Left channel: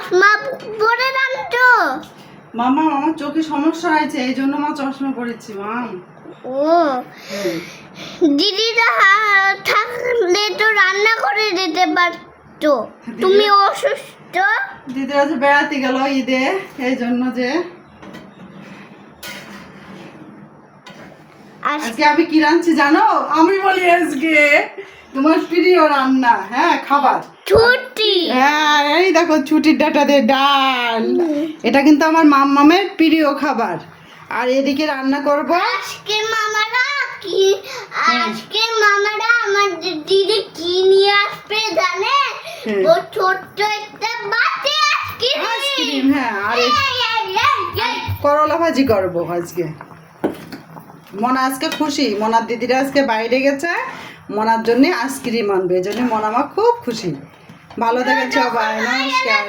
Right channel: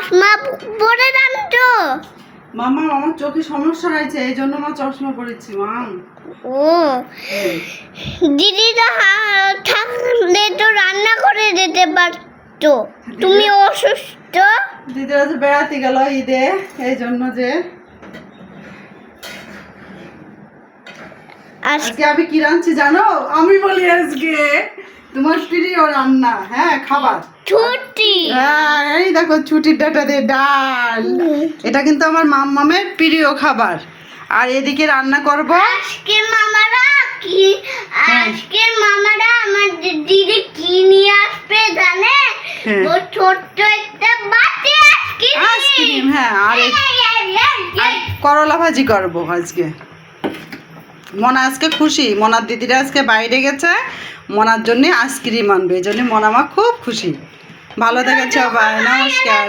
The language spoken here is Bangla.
চশমা পরে রাখতো। মামা আমার চোখে সমস্যা হয়েছে, এই জন্য মা চশমা পরেছি মা। ও দিদিটা থাকলে তো রান্না করে দিতে পারতো। তুমি অসুস্থ। দিদিরা যে বেড়াতে গেল ঈদে, এই জন্য যে আজকে আমি কি রাঁধছি জানো? আমি বলি আজকে তোমার প্রিয় রান্না, হ্যাঁ খাবার ছুটি। হ্যাঁ এই দেখো ছুটির ডাটা দিয়ে ডাল, এটা কিন্তু আমার মাম্মামের প্রিয় খাবার। আর এদিকে রান্না করব আজকে মামারা আমার দিদি কি নিয়ে আসবে জানে? হ্যাঁ। ও ছোট্ট একটা বাটি আইসক্রিম, আইসক্রিম। হ্যাঁ আর করলা ভাজি করব আজকে। মনা আজকে খুশি, মনার দিদিরা আজকে বাইরে গেছে, মনার জন্য আইসক্রিম আনবে, এই জন্য মনা মা খুব খুশি। ভালো থাকেন সবাই, নমস্কার।